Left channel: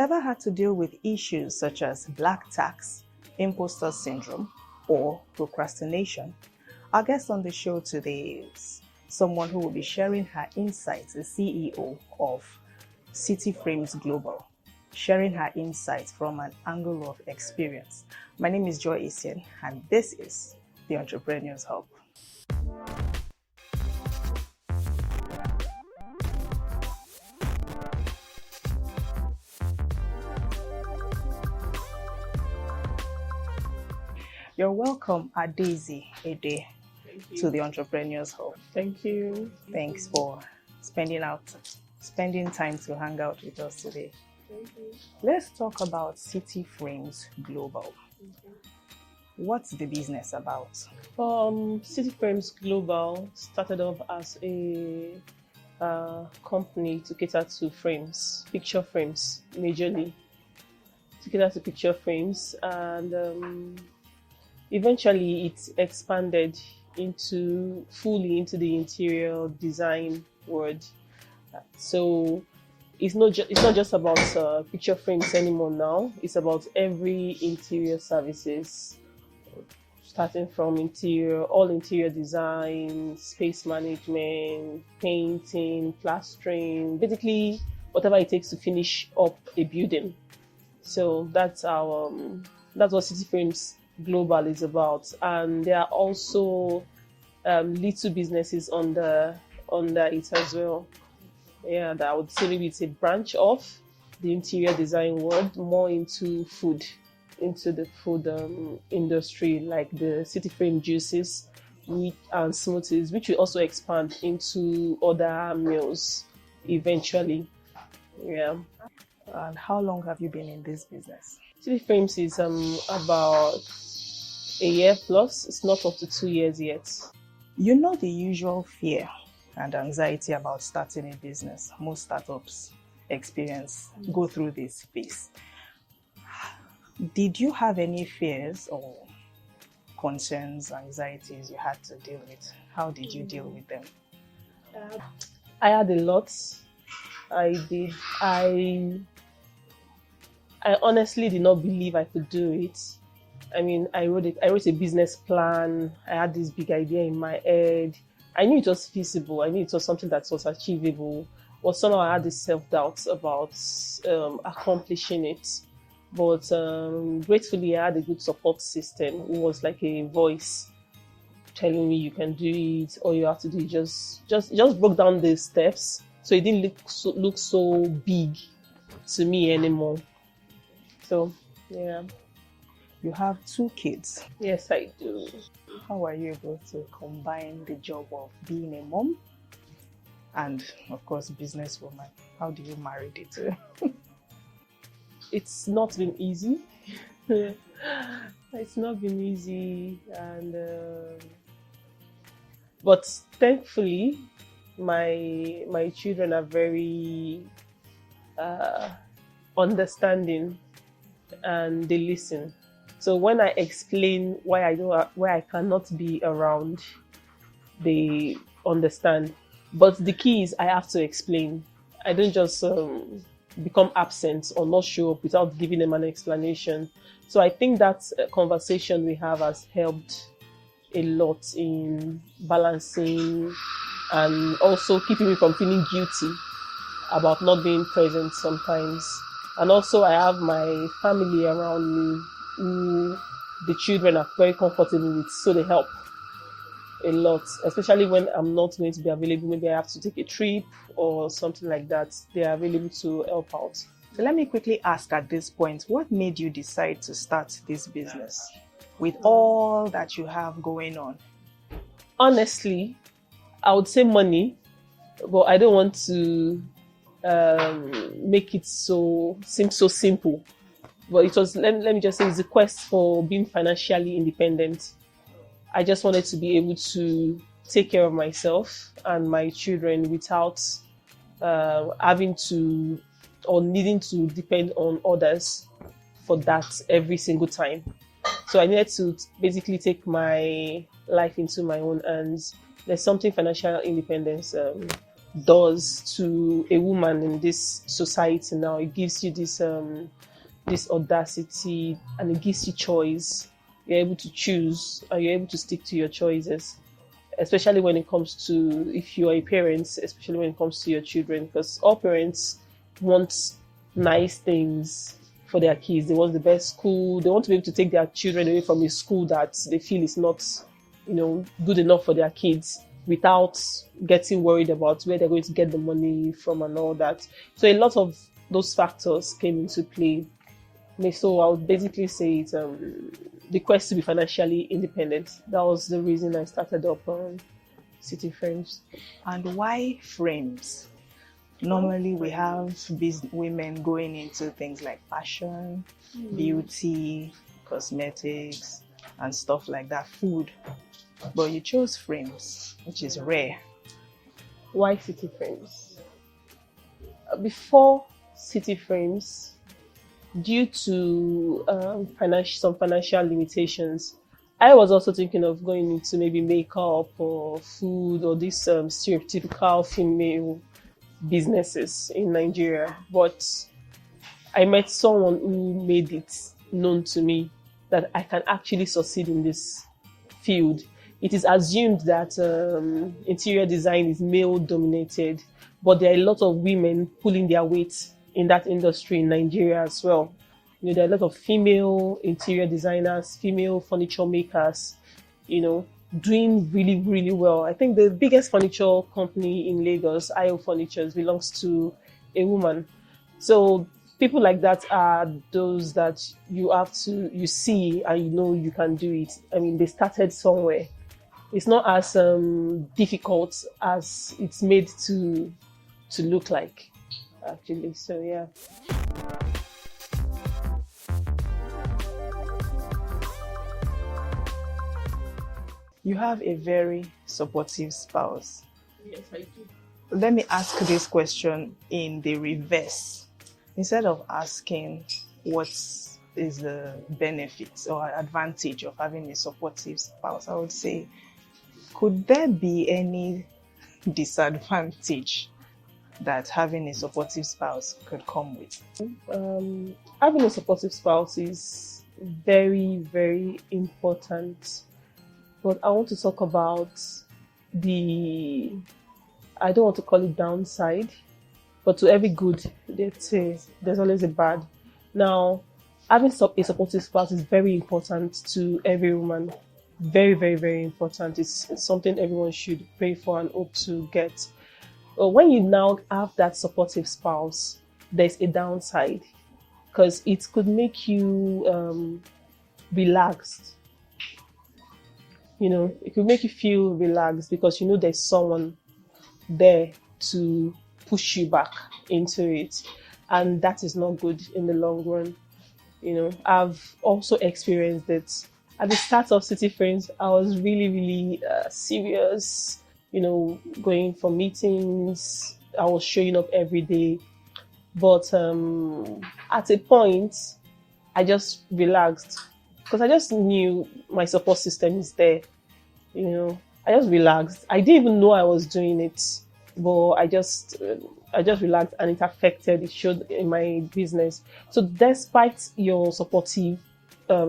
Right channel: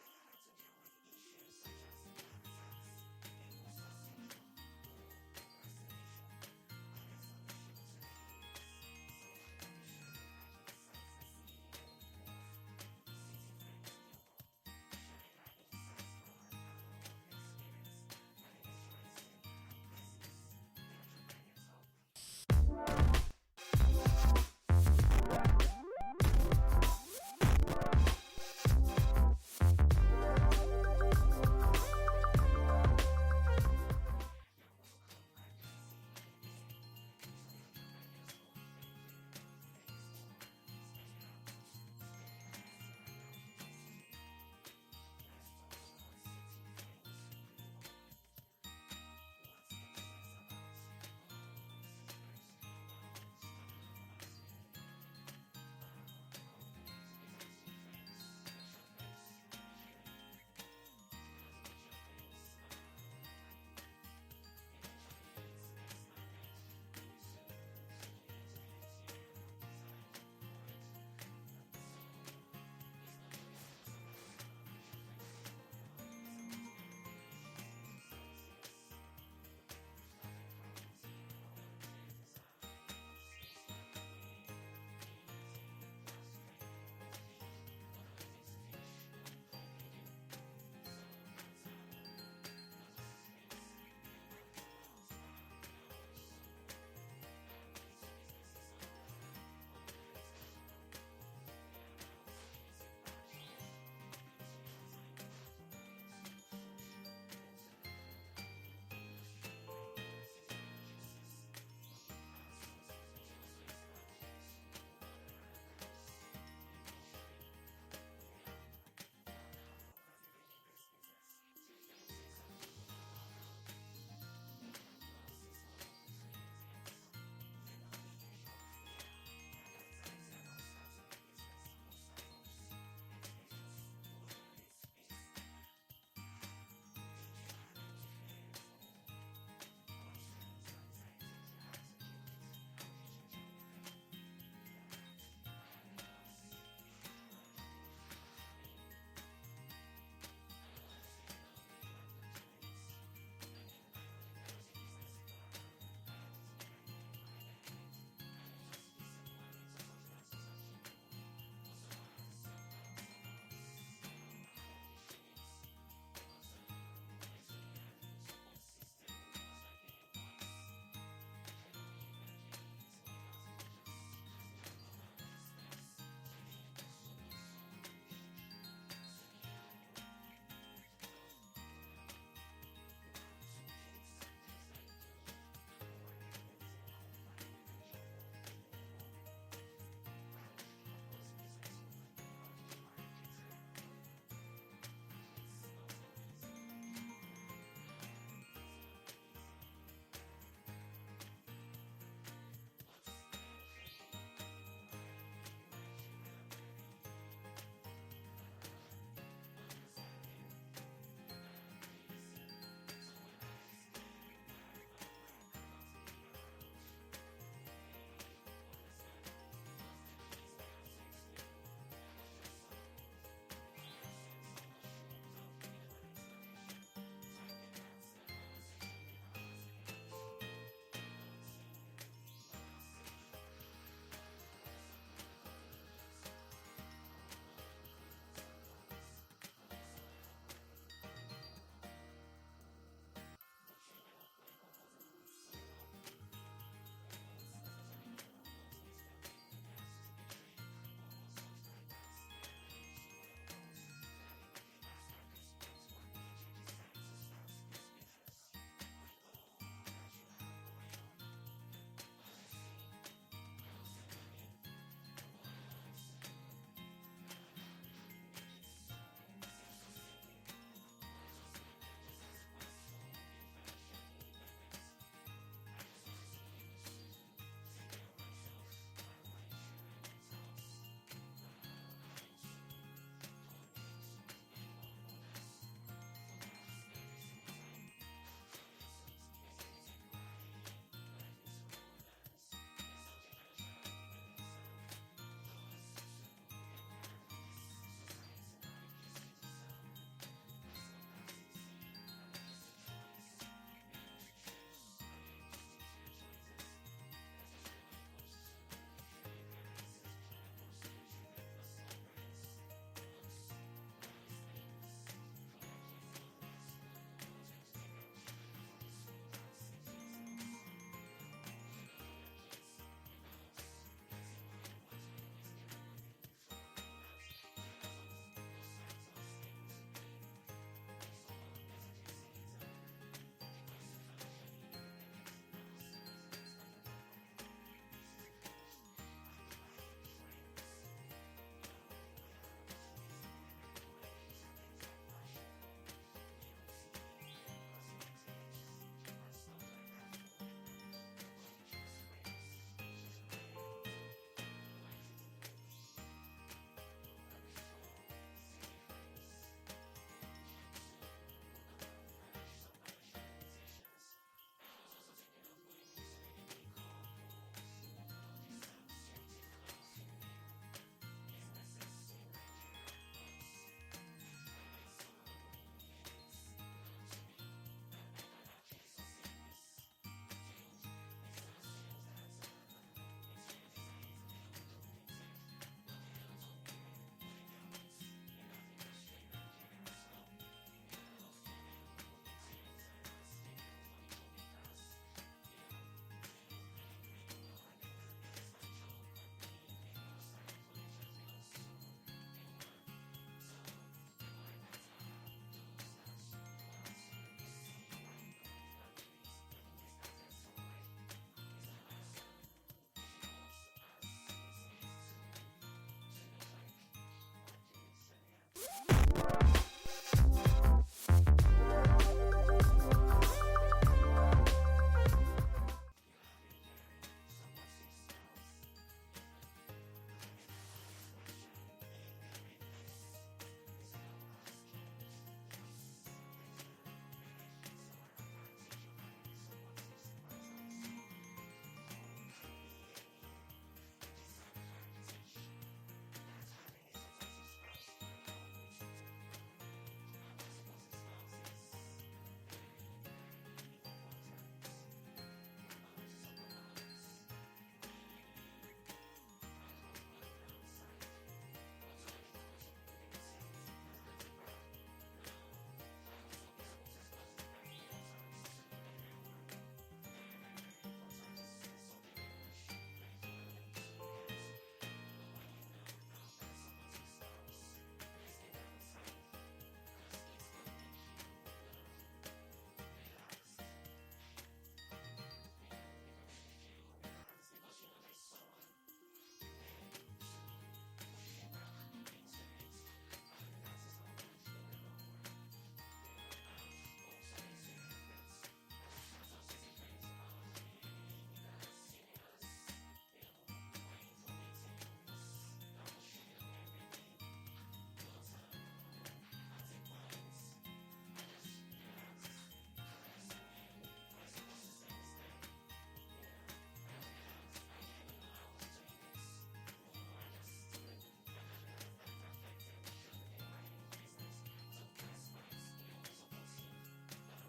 Ever had to deal with issues such as black tax, imposter syndrome, or procrastination? Our guest on the show today is someone who will be sharing her insights, the CEO of CitiFrames Global, sharing her insights from an angle of experience. My name is Joy Isian, and this is the Entrepreneur's Hub. You're welcome, Adaeze, Edeh, to the Entrepreneur's Hub. Thank you. Thanks for spending time to hang out with us today. Thank you. Let's talk about CitiFrames Global. What's the business about? CitiFrames Global started off as a company to cater to frames, picture frames, majorly. To cater to picture frames, and eventually it expanded fully into the interior design world. So it's not just about picture frames anymore now. It's about every interior services, starting from all interior design, space management, painting, plastering, basically whatever it takes to finish up a building. So that's what CitiFrames Global is about. And there are also little businesses under it as well. Yeah, that I would say maybe it's a branch of the interior design world, more into the food industry, like the CitiFrame juices and smoothies, which will also expand into other meals eventually. Yeah. And how long have you been in this business? CitiFrames is about a year plus. It's not up to 2 years yet. You know the usual fear and anxiety about starting a business. Most startups go through this phase. Did you have any fears or concerns, anxieties you had to deal with? How did you deal with them? I had a lot. I did. I honestly did not believe I could do it. I mean, I wrote a business plan. I had this big idea in my head. I knew it was feasible. I knew it was something that was achievable. But somehow I had this self-doubt about accomplishing it. But gratefully, I had a good support system. It was like a voice telling me you can do it. All you have to do is just broke down the steps, so it didn't look so big to me anymore. So yeah. You have 2 kids. Yes, I do. How are you able to combine the job of being a mom and, of course, businesswoman? How do you marry the two? It's not been easy. It's not been easy, and but thankfully, my children are very understanding, and they listen. So when I explain why I cannot be around, they understand. But the key is I have to explain. I don't just become absent or not show up without giving them an explanation. So I think that conversation we have has helped a lot in balancing and also keeping me from feeling guilty about not being present sometimes. And also I have my family around me who the children are very comfortable with, so they help a lot, especially when I'm not going to be available. Maybe I have to take a trip or something like that. They are available to help out. So let me quickly ask at this point, what made you decide to start this business with all that you have going on? Honestly, I would say money, but I don't want to make it seem so simple. But it was, let me just say, it's a quest for being financially independent. I just wanted to be able to take care of myself and my children without having to or needing to depend on others for that every single time. So I needed to basically take my life into my own hands. There's something financial independence does to a woman in this society now. It gives you this audacity, and it gives you choice. You're able to choose, and you're able to stick to your choices, especially when it comes to, if you are a parent, especially when it comes to your children, because all parents want nice things for their kids. They want the best school. They want to be able to take their children away from a school that they feel is not, good enough for their kids, without getting worried about where they're going to get the money from and all that. So a lot of those factors came into play. So I would basically say it's the quest to be financially independent. That was the reason I started up CitiFrames. And why frames? Normally we have women going into things like fashion, beauty, cosmetics, and stuff like that, food. But you chose frames, which is rare. Why CitiFrames? Before CitiFrames, due to some financial limitations, I was also thinking of going into maybe makeup or food or these stereotypical female businesses in Nigeria. But I met someone who made it known to me that I can actually succeed in this field. It is assumed that interior design is male dominated, but there are a lot of women pulling their weight in that industry in Nigeria as well. There are a lot of female interior designers, female furniture makers, doing really, really well. I think the biggest furniture company in Lagos, IO Furnitures, belongs to a woman. So people like that are those that you see and you can do it. I mean, they started somewhere. It's not as difficult as it's made to look like, actually. So yeah. You have a very supportive spouse. Yes, I do. Let me ask this question in the reverse. Instead of asking what is the benefits or advantage of having a supportive spouse, I would say, could there be any disadvantage that having a supportive spouse could come with? Having a supportive spouse is very, very important. But I want to talk about I don't want to call it downside, but to every good, there's always a bad. Now, having a supportive spouse is very important to every woman. Very, very, very important. It's something everyone should pray for and hope to get. But when you now have that supportive spouse, there's a downside, because it could make you relaxed. It could make you feel relaxed because there's someone there to push you back into it, and that is not good in the long run. I've also experienced it. At the start of CitiFrames, I was really, really serious, going for meetings. I was showing up every day. But at a point, I just relaxed because I just knew my support system is there. I just relaxed. I didn't even know I was doing it, but I just relaxed, and it showed in my business. So despite your supportive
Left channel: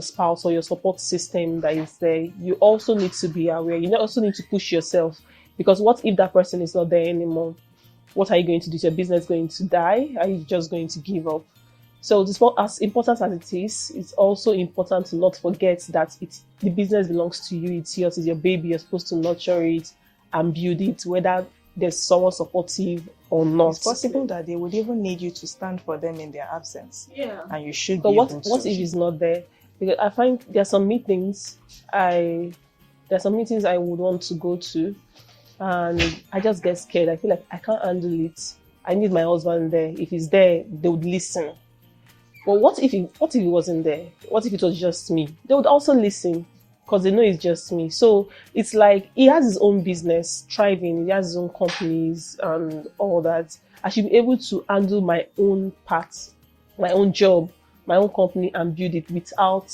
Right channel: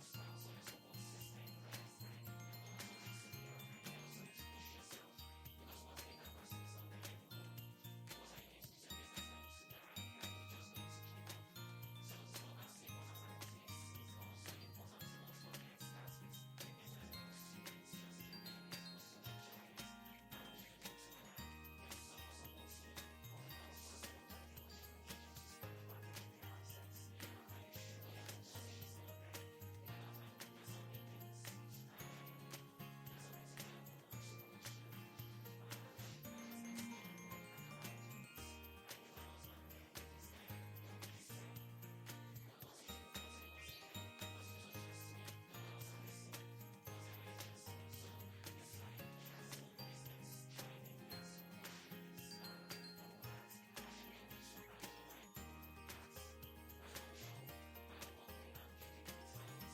spouse or your support system that is there, you also need to be aware. You also need to push yourself, because what if that person is not there anymore? What are you going to do? Is your business going to die? Are you just going to give up? So as important as it is, it's also important to not forget that the business belongs to you. It's yours. It's your baby. You're supposed to nurture it and build it, whether there's someone supportive or not. It's possible that they would even need you to stand for them in their absence. Yeah. And you should But be what able to. if it's not there? Because I find there are some meetings I would want to go to, and I just get scared. I feel like I can't handle it. I need my husband there. If he's there, they would listen. But what if he wasn't there? What if it was just me? They would also listen, because they know it's just me. So it's like he has his own business thriving. He has his own companies and all that. I should be able to handle my own part, my own job, my own company, and build it without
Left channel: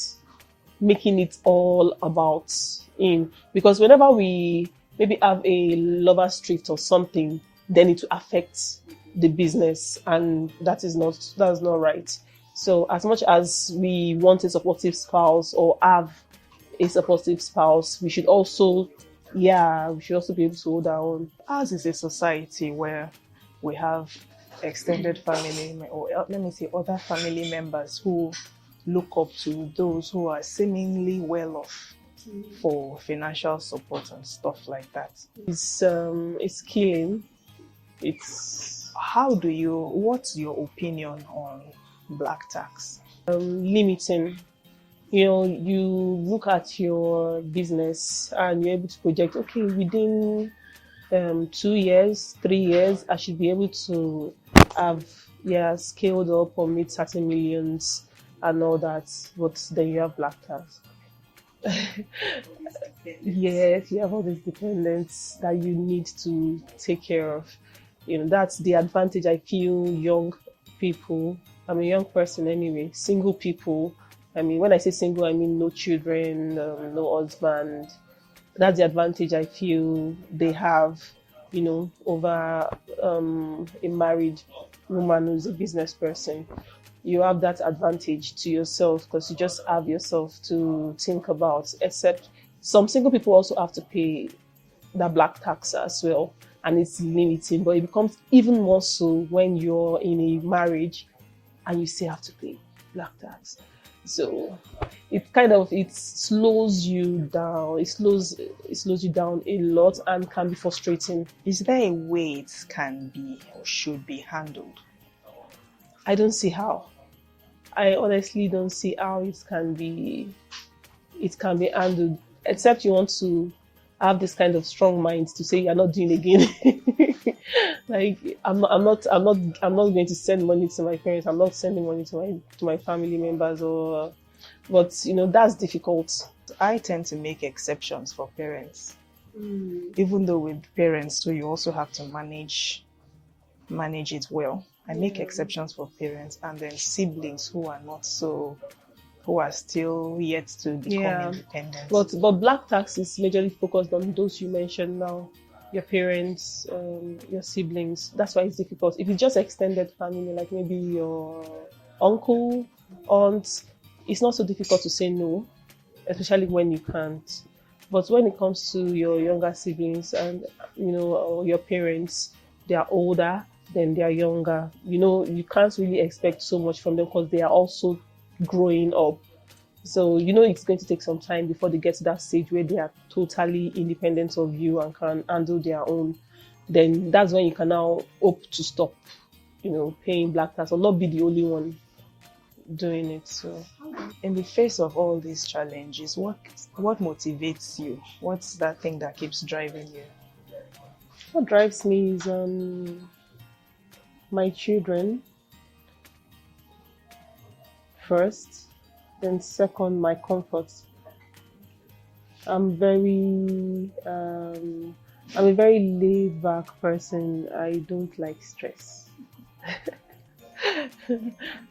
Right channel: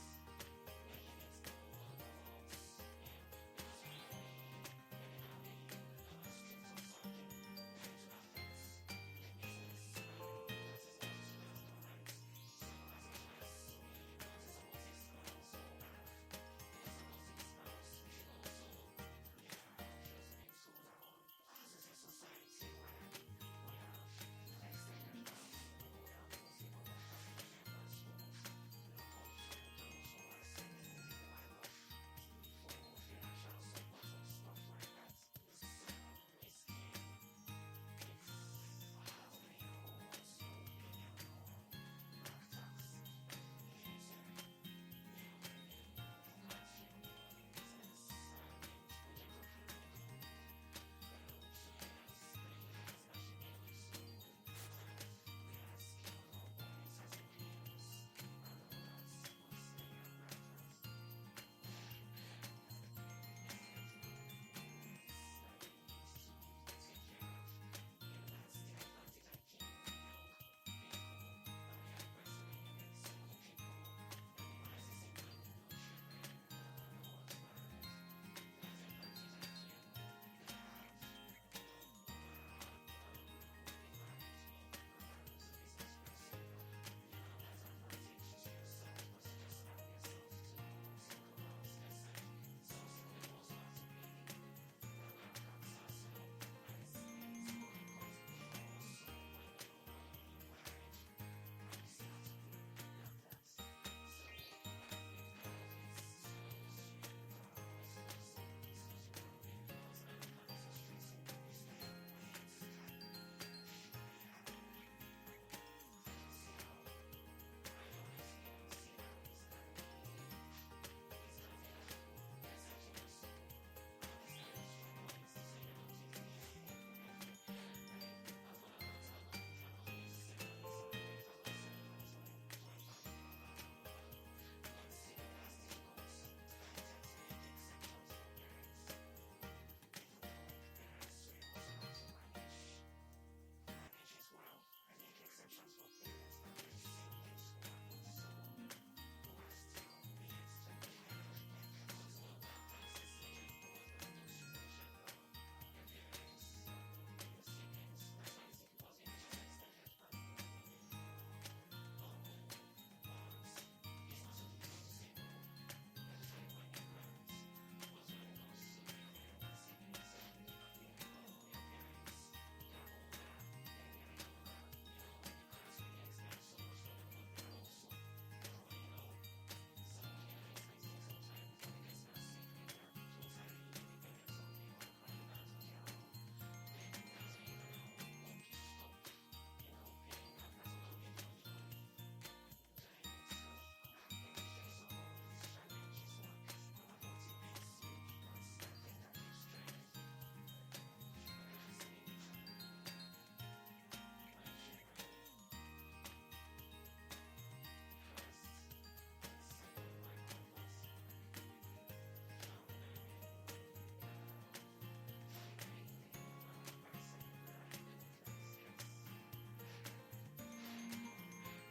making it all about him. Because whenever we maybe have a lover's drift or something, then it will affect the business, and that's not right. So as much as we want a supportive spouse or have a supportive spouse, we should also be able to hold our own. Ours is a society where we have extended family, or let me say other family members who look up to those who are seemingly well off for financial support and stuff like that. It's killing. What's your opinion on black tax? Limiting. You look at your business and you're able to project, okay, within 2 years, 3 years, I should be able to have scaled up or made certain millions and all that. But then you have black tax. Yes, you have all these dependents that you need to take care of. That's the advantage I feel young people. I'm a young person anyway. Single people. I mean, when I say single, I mean no children, no husband. That's the advantage I feel they have, over a married woman who's a business person. You have that advantage to yourself because you just have yourself to think about, except some single people also have to pay that black tax as well, and it's limiting, but it becomes even more so when you're in a marriage and you still have to pay black tax. So it slows you down. It slows you down a lot and can be frustrating. Is there a way it can be or should be handled? I don't see how. I honestly don't see how it can be handled, except you want to have this kind of strong mind to say you're not doing again. Like I'm not going to send money to my parents. I'm not sending money to my family members, but that's difficult. I tend to make exceptions for parents. Even though with parents too, you also have to manage it well. I make exceptions for parents, and then siblings who are still yet to become independent. But black tax is majorly focused on those you mentioned now, your parents, your siblings. That's why it's difficult. If it's just extended family, like maybe your uncle, aunt, it's not so difficult to say no, especially when you can't. But when it comes to your younger siblings and or your parents, they are older, then they are younger. You can't really expect so much from them because they are also growing up. So it's going to take some time before they get to that stage where they are totally independent of you and can handle their own. Then that's when you can now hope to stop, paying black tax or not be the only one doing it. So in the face of all these challenges, what motivates you? What's that thing that keeps driving you? What drives me is my children first, then second, my comfort. I'm a very laid back person. I don't like stress.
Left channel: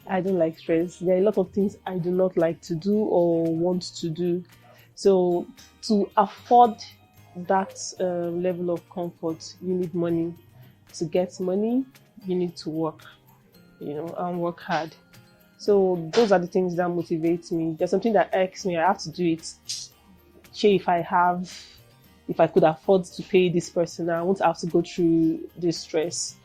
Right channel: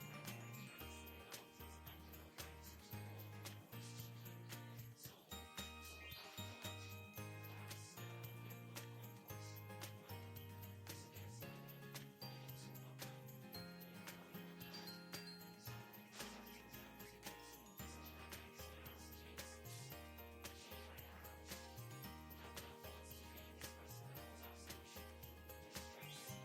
I don't like stress. There are a lot of things I do not like to do or want to do. So to afford that level of comfort, you need money. To get money, you need to work, and work hard. So those are the things that motivate me. There's something that irks me. I have to do it. If I could afford to pay this person, I won't have to go through this stress.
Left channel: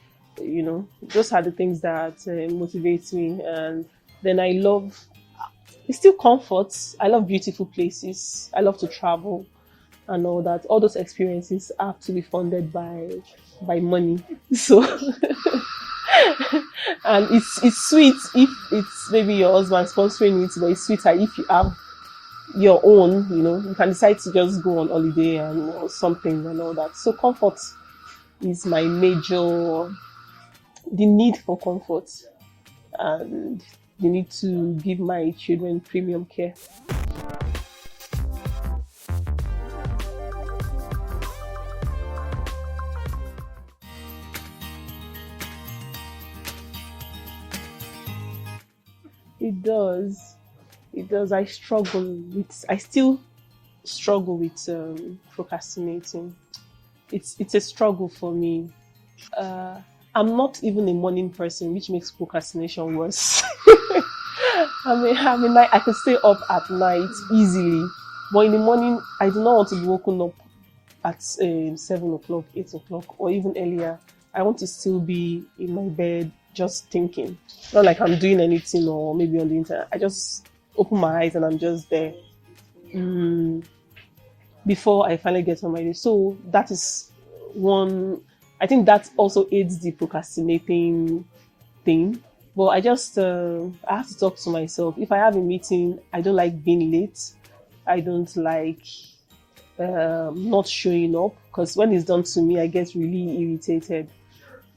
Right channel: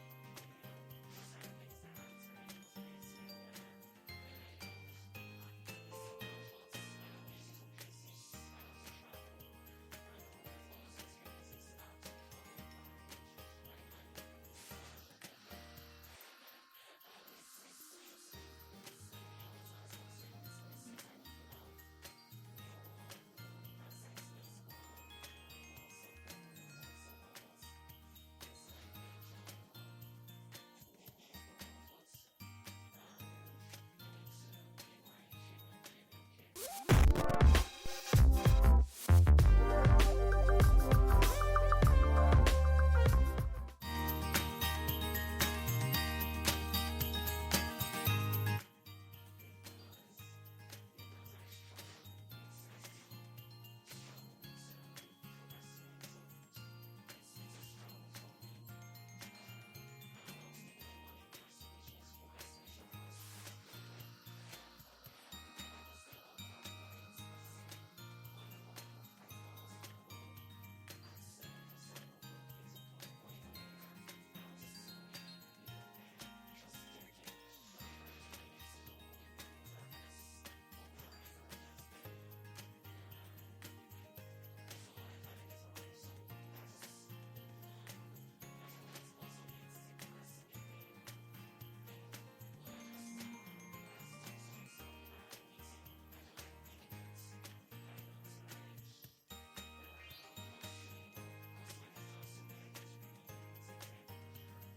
Those are the things that motivate me. And then it's still comfort. I love beautiful places. I love to travel and all that. All those experiences have to be funded by money. So and it's sweet if it's maybe your husband sponsoring it, but it's sweeter if you have your own. You can decide to just go on holiday and something and all that. So comfort is my major. The need for comfort and the need to give my children premium care. It does. I still struggle with procrastinating. It's a struggle for me. I'm not even a morning person, which makes procrastination worse. I can stay up at night easily, but in the morning, I do not want to be woken up at 7 o'clock, 8 o'clock, or even earlier. I want to still be in my bed just thinking. Not like I'm doing anything or maybe on the internet. I just open my eyes and I'm just there before I finally get on my day. So that is one. I think that also aids the procrastinating thing. But I have to talk to myself. If I have a meeting, I don't like being late. I don't like not showing up, because when it's done to me, I get really irritated.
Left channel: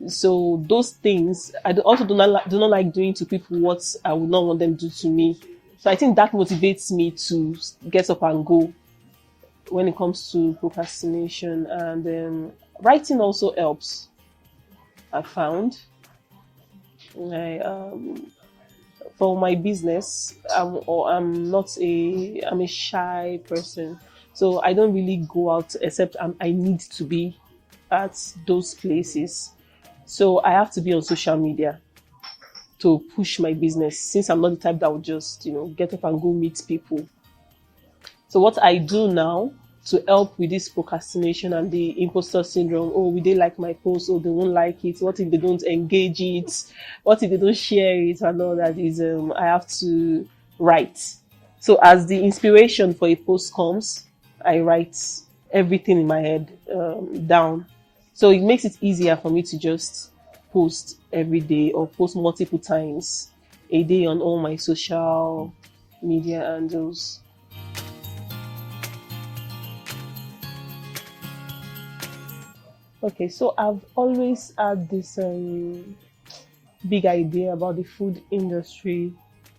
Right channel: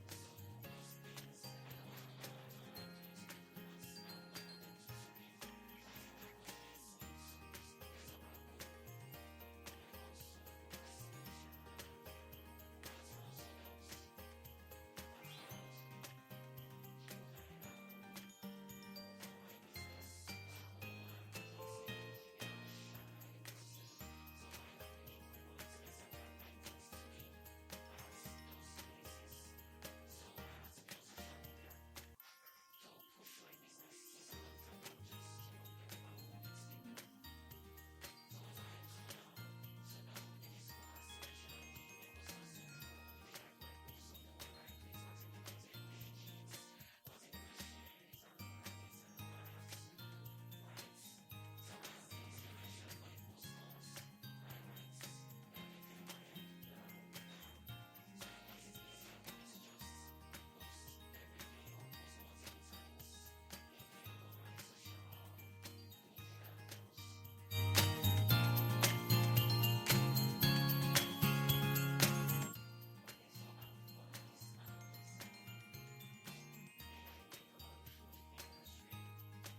So those things also do not like doing to people what I would not want them to do to me. So I think that motivates me to get up and go when it comes to procrastination. And writing also helps, I found. For my business, I'm a shy person, so I don't really go out except I need to be at those places. So I have to be on social media to push my business, since I'm not the type that would just get up and go meet people. So what I do now to help with this procrastination and the imposter syndrome, oh, will they like my post? Oh, they won't like it. What if they don't engage it? What if they don't share it? And all that is, I have to write. So as the inspiration for a post comes, I write everything in my head down. So it makes it easier for me to just post every day or post multiple times a day on all my social media handles. Okay, so I've always had this big idea about the food industry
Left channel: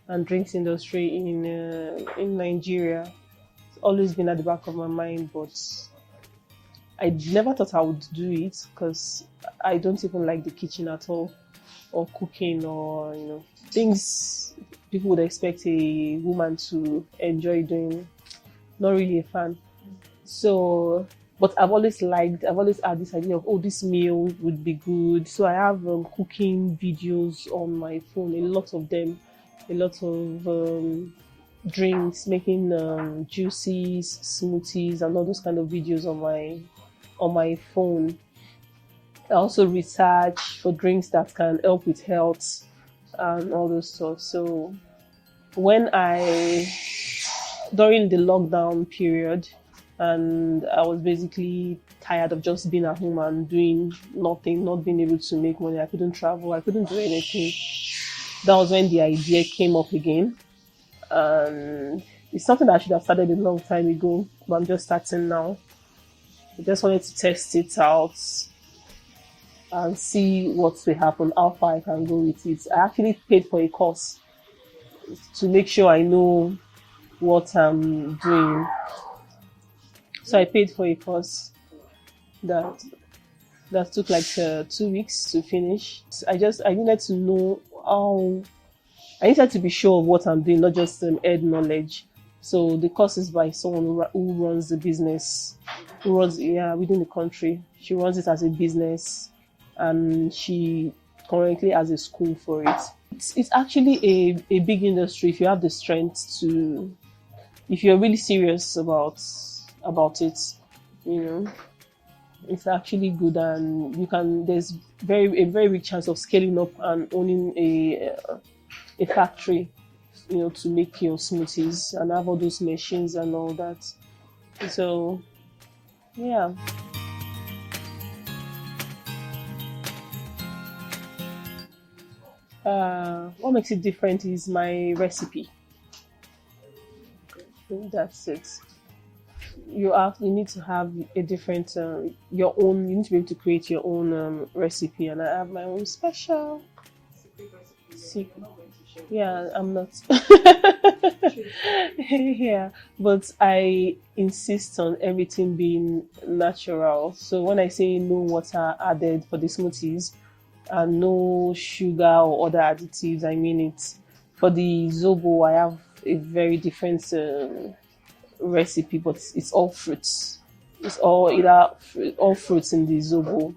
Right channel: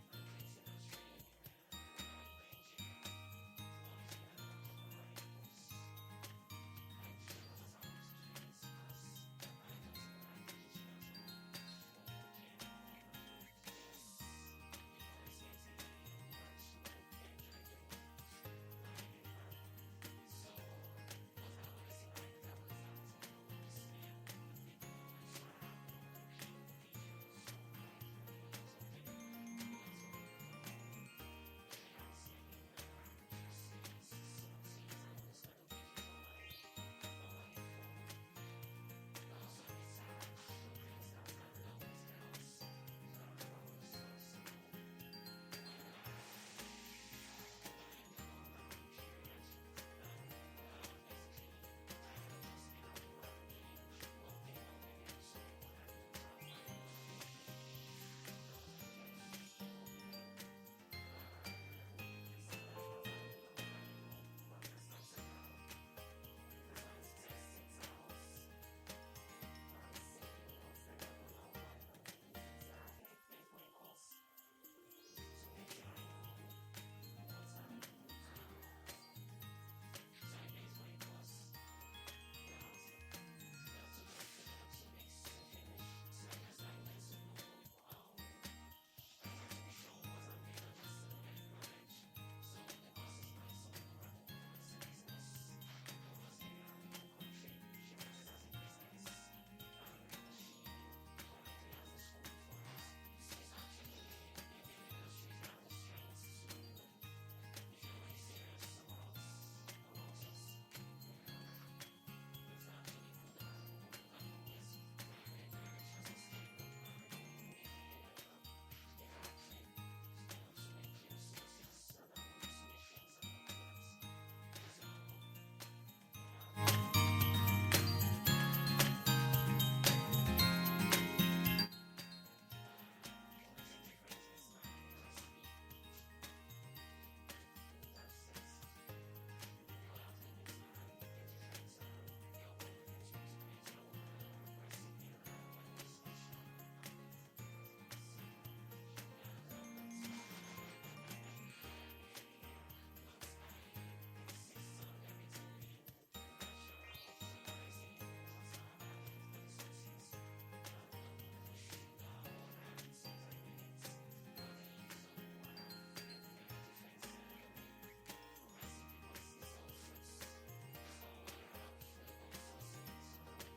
and drinks industry in Nigeria. It's always been at the back of my mind, but I never thought I would do it because I don't even like the kitchen at all, or cooking, or things people would expect a woman to enjoy doing. Not really a fan. So, but I've always had this idea of, oh, this meal would be good. So I have cooking videos on my phone, a lot of them, a lot of drinks, making juices, smoothies, and all those kind of videos on my phone. I also research for drinks that can help with health and all those stuff. So during the lockdown period, and I was basically tired of just being at home and doing nothing, not being able to make money. I couldn't travel, I couldn't do anything. That was when the idea came up again. And it's something that I should have started a long time ago, but I'm just starting now. I just wanted to test it out and see what will happen, how far I can go with it. I actually paid for a course to make sure I know what I'm doing. So I paid for a course that took like 2 weeks to finish. I needed to know I needed to be sure of what I'm doing, not just head knowledge. So the course is by someone who runs the business, within the country. She runs it as a business, and she currently has a school for it. It's actually a big industry if you have the strength to, if you're really serious about it, it's actually good, and there's a very big chance of scaling up and owning a factory, to make your smoothies and have all those machines and all that. So yeah. What makes it different is my recipe. That's it. You need to have a different your own. You need to be able to create your own recipe, and I have my own special secret. Yeah, I'm not. Yeah, but I insist on everything being natural. So when I say no water added for the smoothies and no sugar or other additives, I mean it. For the zobo, I have a very different recipe, but it's all fruits. It's all fruits in the zobo.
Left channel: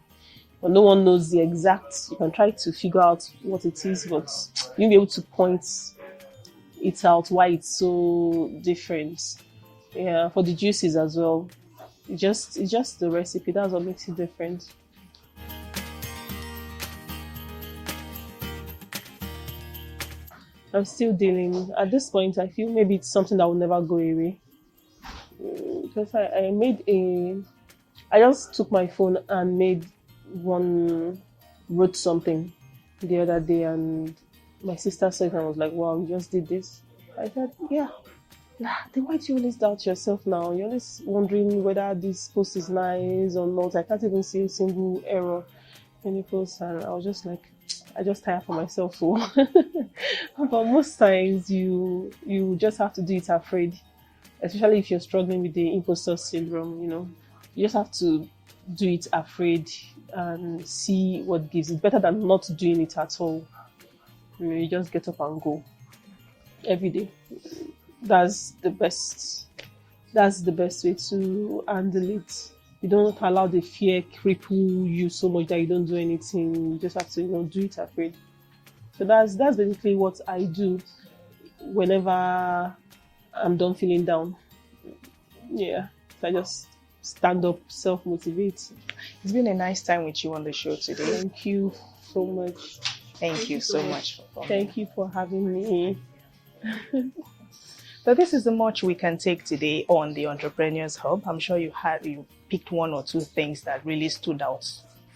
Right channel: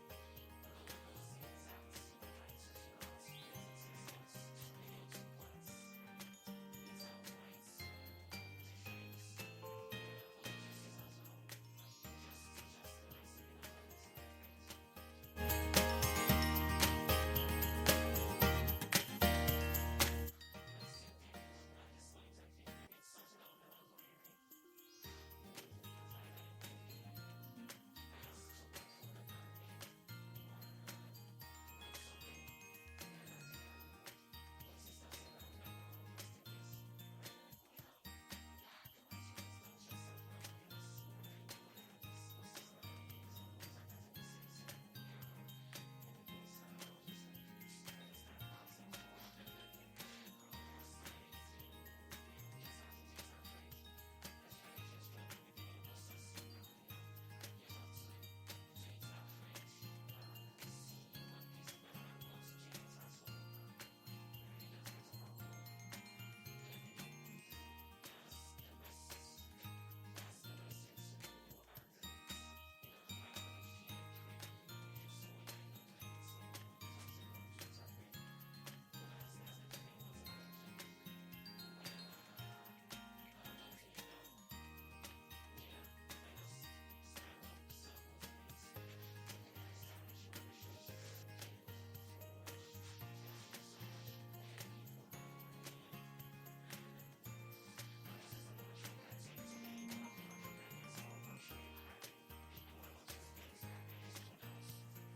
But no one knows the exact. You can try to figure out what it is, but you'll be able to point it out why it's so different. Yeah, for the juices as well. It's just the recipe. That's what makes it different. I'm still dealing. At this point, I feel maybe it's something that will never go away. Because I just took my phone and wrote something the other day, and my sister said, and I was like, wow, you just did this. I said, yeah. Then why do you always doubt yourself now? You're always wondering whether this post is nice or not. I can't even see a single error in the post, and I was just like, I just tire for myself. But most times you just have to do it afraid, especially if you're struggling with the imposter syndrome. You just have to do it afraid and see what gives. It better than not doing it at all. You just get up and go every day. That's the best way to handle it. You don't allow the fear cripple you so much that you don't do anything. You just have to do it afraid. So that's basically what I do whenever I'm done feeling down. Yeah, so I just stand up, self-motivate. It's been a nice time with you on the show today. Thank you so much. Thank you so much for coming. Thank you for having me. So this is the much we can take today on the Entrepreneurs Hub. I'm sure you picked one or two things that really stood out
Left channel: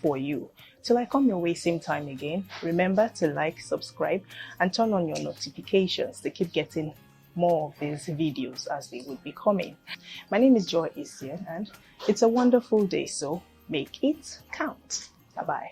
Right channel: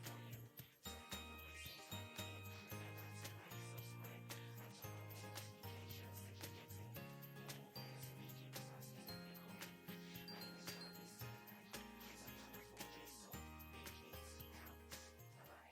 for you. Till I come your way same time again, remember to like, subscribe, and turn on your notifications to keep getting more of these videos as they would be coming. My name is Adaeze, and it's a wonderful day, so make it count. Bye-bye.